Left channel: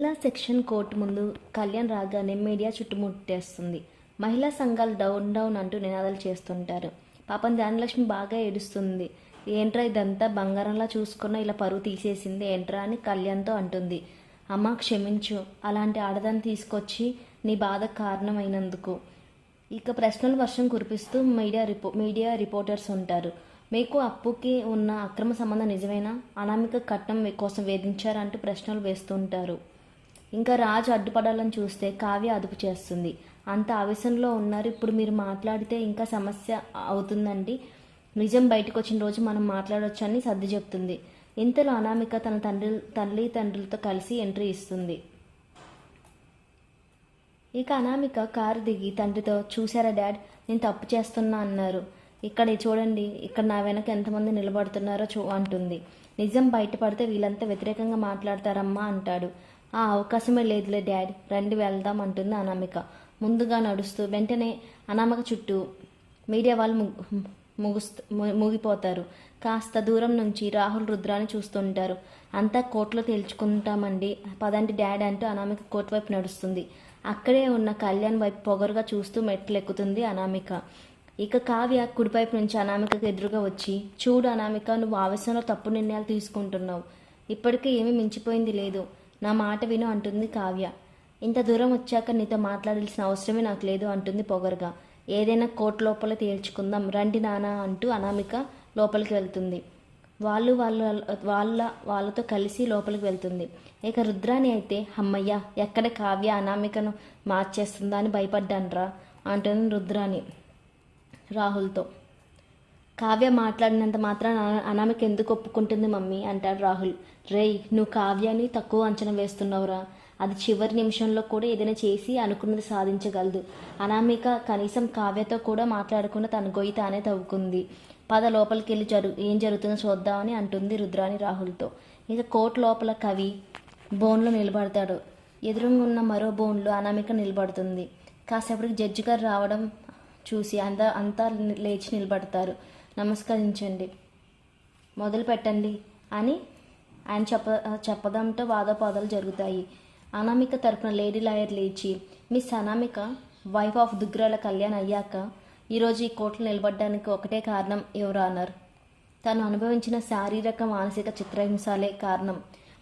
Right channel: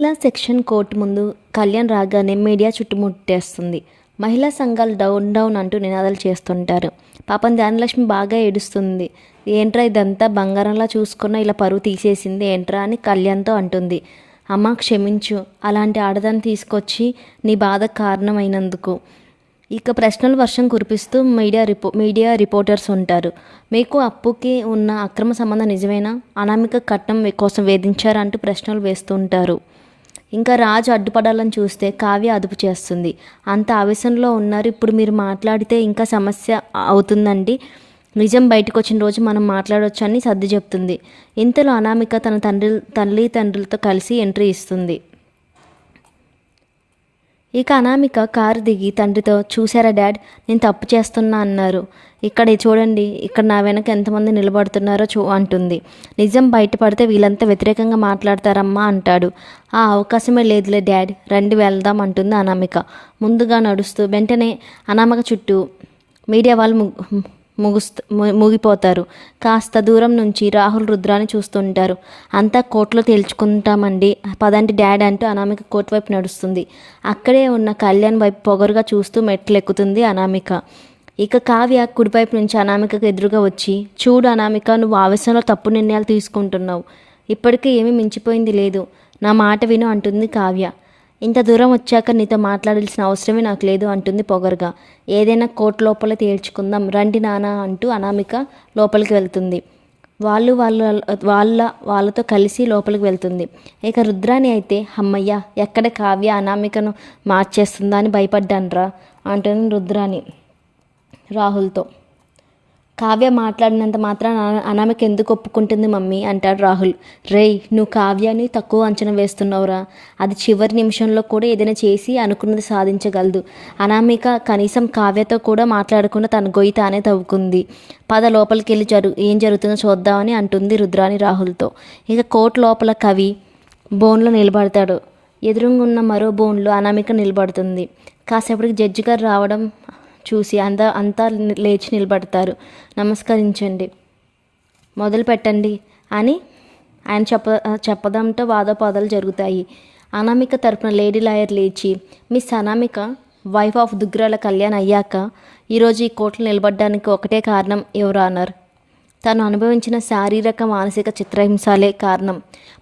మహిళా section court ముందు కళ్యాణ్ రాగానే మీడియా చుట్టుముట్టేస్తుంది. మహిళా సంఘాలు డౌన్ డౌన్ అంటూ నినాదాలు చేస్తుంటారు. పాపం ధాన్యలక్ష్మి బాగా ఏడుస్తుంది. ఏంట్రా ఇదంతా బంగారంలా చూసుకున్న ఇలా పరువు తీసేసింది ఏంట్రా అని కళ్యాణ్తో అంటుంది. అమ్మ క్షమించు, అలాంటి ఆడదాన్ని తీసుకొచ్చి నీ బాధ కారణమైనందుకు. ఇక ప్రశ్నల వర్షం కురిపిస్తూ మీడియా రిపోర్టర్స్ ఉంటారు. మీకు అప్పుకి ఉన్న అక్రమ సంబంధం నిజమేనా? అనామిక కట్నం కోసం వేధించారంటూ ప్రశ్నలు వేస్తుంటారు. ఇంకా రాజు అడ్డుపడాలని చూస్తే కావ్య అదుపు చేస్తుంది. అంత ఆవేశంలో ఉన్నారు, ఇప్పుడు మీరు మాట్లాడితే ఇంకా సమస్య అవుతుందండి. నిజం బయటకు వచ్చిన రోజు మనం మాట్లాడవచ్చు అని సర్ది చెప్తుంది. ఇంతలో అనామిక తన తల్లిదండ్రులతో కలిసి ఎంట్రీ ఇస్తుంది. ఇక అనామిక కారు దిగి తండ్రితో, చూసారా డాడ్, నేను తప్పు చేస్తున్నా అన్నారు. ఇక్కడ చూడండి, ఇక్కడ నా వెనక ఎంతమంది నిలబడుతున్నారో అంటుంది. నిజం బయటపడితే వీళ్ళంతా వ్యతిరేకంగా మాట్లాడతారమ్మా అంటాడు. ఆ అవకాశమే లేదులే డాడ్, రండి వెళ్దాం అంటుంది అనామిక ముందుగా నడుస్తూ. వెంటనే అనామిక చుట్టూ మీడియా వాళ్ళు ముగిపోతారు. కాస్త దూరం నుంచి రాహుల్ రుద్రాని చూస్తుంటారు. అంతా కోర్టులో తేల్చుకుంటామండి, పదంటి డాడ్ అంటూ అనామిక కోర్టు వైపు నడుస్తుంది. అక్కడే ఉన్న కళ్యాణ్ వైపు పొగరుగా చూస్తూ మెట్లు ఎక్కుతుంది అనామిక. ఇక కావ్య కుడివైపు నుంచి అనామికకు ఎదురుగా వచ్చి, చూడు అనామిక, నువ్వు ఆవేశంలో తప్పు నిర్ణయాలు తీసుకుంటున్నావు. ఇప్పటికే ఏమీ మించిపోయింది లేదు, నా మాట విను అంటుంది కావ్య. ఇంత దూరం వచ్చాక నీతో మాట్లాడాల్సిన అవసరమే నాకు లేదు అంటుంది పొగరుగా. ఏదైనా కోర్టు లోపల తేల్చుకుందాం రండి నానా అంటూ అనామిక లోపలికి వెళ్తుంది. వాళ్ళతో కలిసి లోపలికి వెళ్తుంది. ఇక రుద్రాని అయితే, అమ్మయ్య, ఎక్కడ కావ్య అనామికను మార్చేస్తుందా అని భయపడ్డాన్రా అంటుంది రుద్రాని రాహుల్తో. కావ్య మాట్లాడినంత మాత్రం అనామిక ఎందుకు ఒప్పుకుంటుంది మమ్మీ అంటాడు రాహుల్. రేయ్, నువ్వు కావ్యాన్ని తక్కువ అంచనా వేస్తున్నావురా. అది చివరి నిమిషంలో కూడా ఏదైనా చేసి అనుకున్నది సాధించగలదు. అనామిక కనీసం కావ్యతో కూడా మాట్లాడకుండా తన గొయ్యి తానే తవ్వుకుంది. పద లోపలికి వెళ్ళి ఏం జరుగుతుందో చూద్దామని అంటుంది రుద్రాని రాహుల్తో. ఇక కోర్టు లోపల కవి బోన్లో నిలబడతాడు. ఎదురుగున్న మరో బోన్లో అనామిక నిలబడుతుంది. కాసేపటికి జడ్జి గారు రావడం చూసి అంతా లేచి నిలబడతారు. నమస్కరించండి, మొదలు పెట్టండి అని ఆయన చెప్పడంతో వాదోపాదాలు జరుగుతాయి. అనామిక తరపున లేడీ లాయర్ లేచి, miss Anamika, wife of Duggirala Kalyan అయ్యాక ఈరోజు ఈ కోర్టులో నిలబడడానికి ఒకటే కారణం, ఎవరు ఆనర్, తను అనుభవించిన శారీరక మానసిక చిత్రహింసలే కారణం.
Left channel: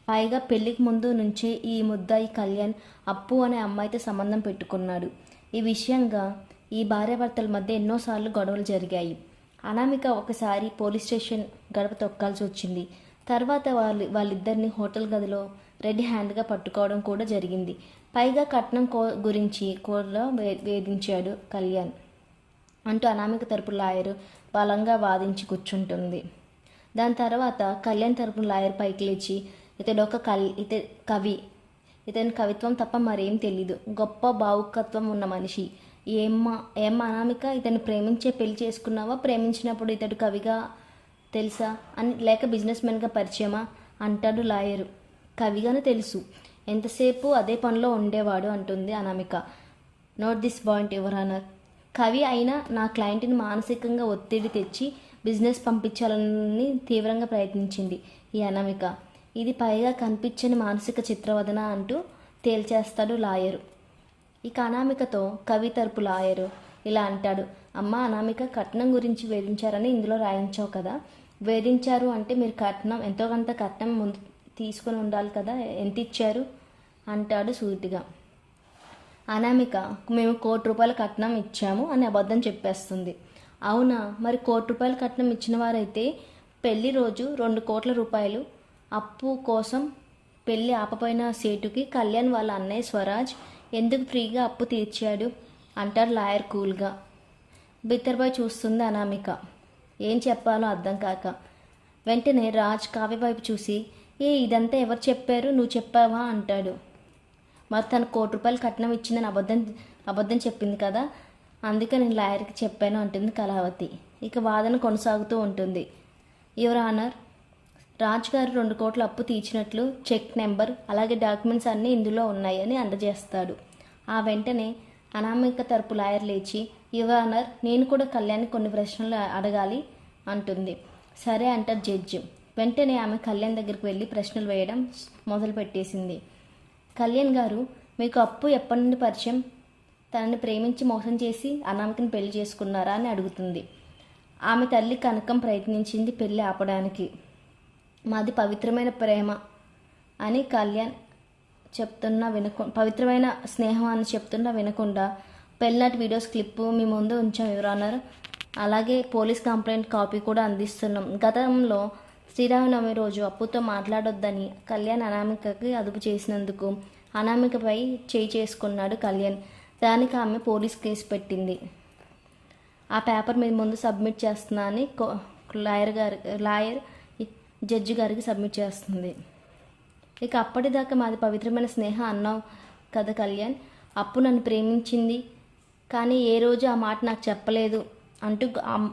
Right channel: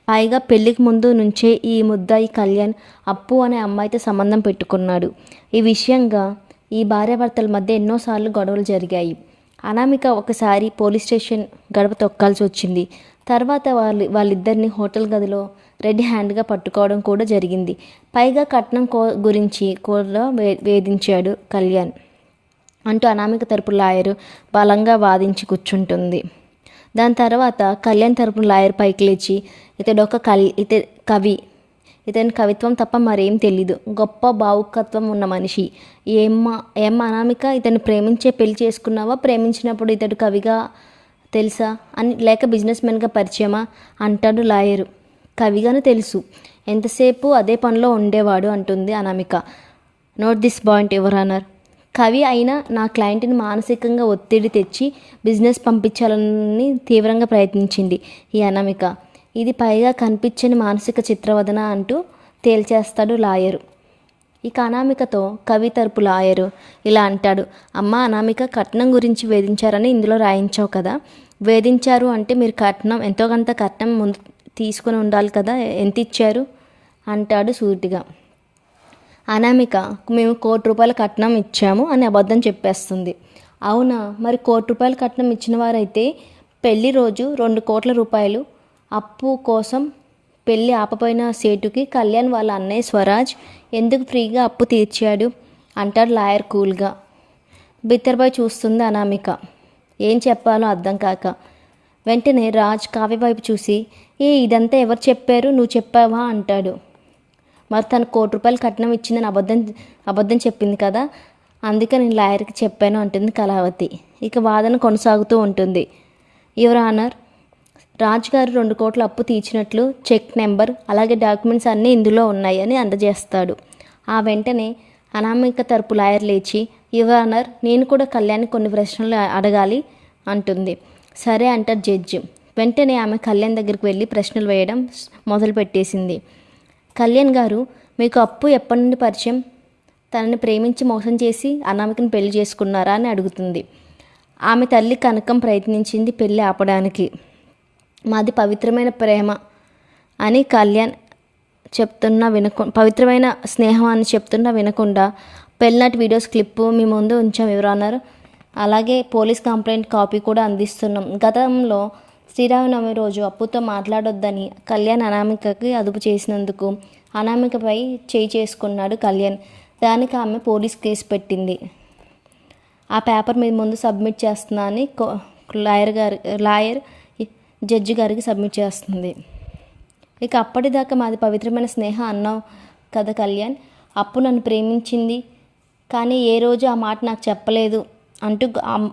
పైగా పెళ్లికి ముందు నుంచే ఈ ముద్దాయి కళ్యాణ్ అప్పు అనే అమ్మాయితో సంబంధం పెట్టుకున్నాడు. ఈ విషయంగా ఈ భార్యాభర్తల మధ్య ఎన్నోసార్లు గొడవలు జరిగాయి. అనామిక ఒకసారి పోలీస్ స్టేషన్ గడప తొక్కాల్సి వచ్చింది. తర్వాత వాళ్ళిద్దరిని హోటల్ గదిలో రెడ్ హ్యాండ్గా పట్టుకోవడం కూడా జరిగింది. పైగా కట్నం గురించి కూడా వేధించాడు కళ్యాణ్ అంటూ అనామిక తరపు లాయరు బలంగా వాదించి కూర్చుంటుంది. దాని తర్వాత కళ్యాణ్ తరపున లాయర్ పైకి లేచి, ఇతడు కవి, ఇతని కవిత్వం తప్ప మరేం తెలీదు, గొప్ప భావుకత్వం ఉన్న మనిషి. ఏం అనామిక, ఇతన్ని ప్రేమించే పెళ్లి చేసుకున్నావా? ప్రేమించినప్పుడు ఇతడు కవిగా తెలుసా అని, లేక బిజినెస్ మ్యాన్గా పరిచయమా అంటాడు లాయరు. కవిగానే తెలుసు, ఎంతసేపు అదే పనిలో ఉండేవాడు అంటుంది Anamika. Note this point your honour. కవి అయినా నా క్లయింట్ని మానసికంగా ఒత్తిడి తెచ్చి బిజినెస్ పంపించాలని తీవ్రంగా ప్రయత్నించింది ఈ అనామిక. ఇది పైగా కనిపించని మానసిక చిత్రవదన అంటూ తేల్చేస్తాడు లాయరు. ఇక అనామికతో కవి తరపు లాయరు ఇలా అంటాడు. అమ్మ అనామిక, కట్నం గురించి వేధించారని ఇందులో రాయించావు కదా, వేధించారు అంటే మీరు కట్నం ఎంతో కొంత కట్నం ముందు తీసుకుని ఉండాలి కదా, ఎంత ఇచ్చారు అంటాడు సూటిగా. అనామిక, మేము ₹1,00,00,000 కట్నం ఇచ్చాము అని అబద్ధం చెప్పేస్తుంది. అవునా, మరి ₹1,00,00,000 కట్నం ఇచ్చిన వారైతే పెళ్లి రోజు ₹2,00,00,000 అప్పు కోసం పెళ్ళి ఆపపోయిన సేటుకి కళ్యాణ్ వాళ్ళ అన్నయ్య స్వరాజ్ ఎందుకు ఫ్రీగా అప్పు తీర్చాడు అంటాడు లాయర్ కూల్గా. బిత్తరబాయ్ చూస్తుంది అనామిక, ఏం చెప్పాలో అర్థం కాక. వెంటనే రాజ్ కావ్య వైపు చూసి, ఇదంతా ఎవరు చెప్పారు, నువ్వు చెప్పావా అంటాడు. మరి తను ₹1,00,00,000 కట్నం ఇచ్చిందని అబద్ధం చెప్పింది కదా, అందుకే నేను లాయర్కి చెప్పాను అంటుంది కళావతి. ఇక వాదన కొనసాగుతూ ఉంటుంది. యువర్ ఆనర్, రాజ్ గారు 2 కోట్ల అప్పు తీర్చినట్లు చెక్ నెంబర్ అలాగే డాక్యుమెంట్స్ అన్నీ ఇందులో ఉన్నాయని అందజేస్తాడు. ఆ వెంటనే అనామిక తరపు లాయర్ లేచి, యువర్ ఆనర్, నేను కూడా కళ్యాణ్ కొన్ని ప్రశ్నలు అడగాలి అంటుంది. సరే అంటారు జడ్జి. వెంటనే ఆమె కళ్యాణ్ దగ్గరికి వెళ్ళి ప్రశ్నలు వేయడం మొదలుపెట్టేసింది. కళ్యాణ్ గారు, మీకు అప్పు ఎప్పటి నుండి పరిచయం? తనని ప్రేమించి మోసం చేసి అనామికను పెళ్లి చేసుకున్నారా అని అడుగుతుంది. ఆమె తల్లి కనకం ప్రయత్నించింది పెళ్లి ఆపడానికి. మాది పవిత్రమైన ప్రేమ అని కళ్యాణ్ చెప్తున్నా పవిత్రమైన స్నేహం అని చెప్తున్నా వినకుండా పెళ్ళినాటి వీడియోస్ క్లిప్పు మీ ముందు ఉంచాం ఎవరన్నారు. అలాగే పోలీస్ కంప్లైంట్ కాపీ కూడా అందిస్తున్నాం. గతంలో శ్రీరామనవమి రోజు అప్పుతో మాట్లాడొద్దని కళ్యాణ్ అనామికకి అదుపు చేసినందుకు అనామికపై చేయి చేసుకున్నాడు కళ్యాణ్. దానికి ఆమె పోలీస్ కేసు పెట్టింది. ఆ పేపర్ మీ ముందు సబ్మిట్ చేస్తున్నా అని లాయర్ జడ్జి గారికి సబ్మిట్ చేస్తుంది. ఇక అప్పటిదాకా మాది పవిత్రమైన స్నేహం అన్నావు కదా కళ్యాణ్, అప్పు నన్ను ప్రేమించింది కానీ ఏ రోజు ఆ మాట నాకు చెప్పలేదు అంటూ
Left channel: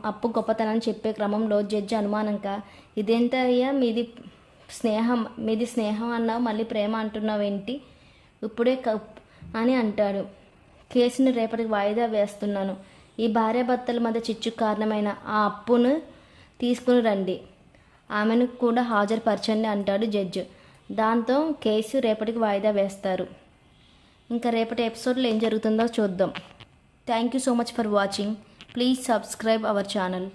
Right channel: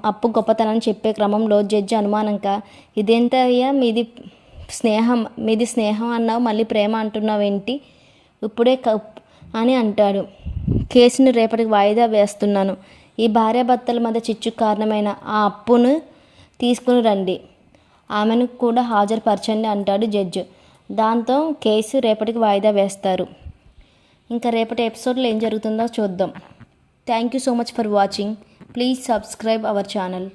అప్పు గొప్పతనాన్ని చెప్పే క్రమంలో జడ్జి అనుమానంగా, ఇదేంటయ్యా మీది స్నేహం అన్నావు మళ్ళీ ప్రేమ అంటున్నావేంటి ఇప్పుడే అని అంటాడు. కేసుని రేపటికి వాయిదా వేస్తున్నాను. ఈ భార్యాభర్తల మధ్య చిచ్చుకు కారణమైన ఆ అప్పును తీసుకుని రండి, ఆమెను కూడా హాజరుపరచండి అంటాడు జడ్జి. దాంతో కేసు రేపటికి వాయిదా వేస్తారు. ఇంకా రేపటి ఎపిసోడ్లో ఏం జరుగుతుందో చూద్దాం. Thank you so much for watching. Please subscribe our channel.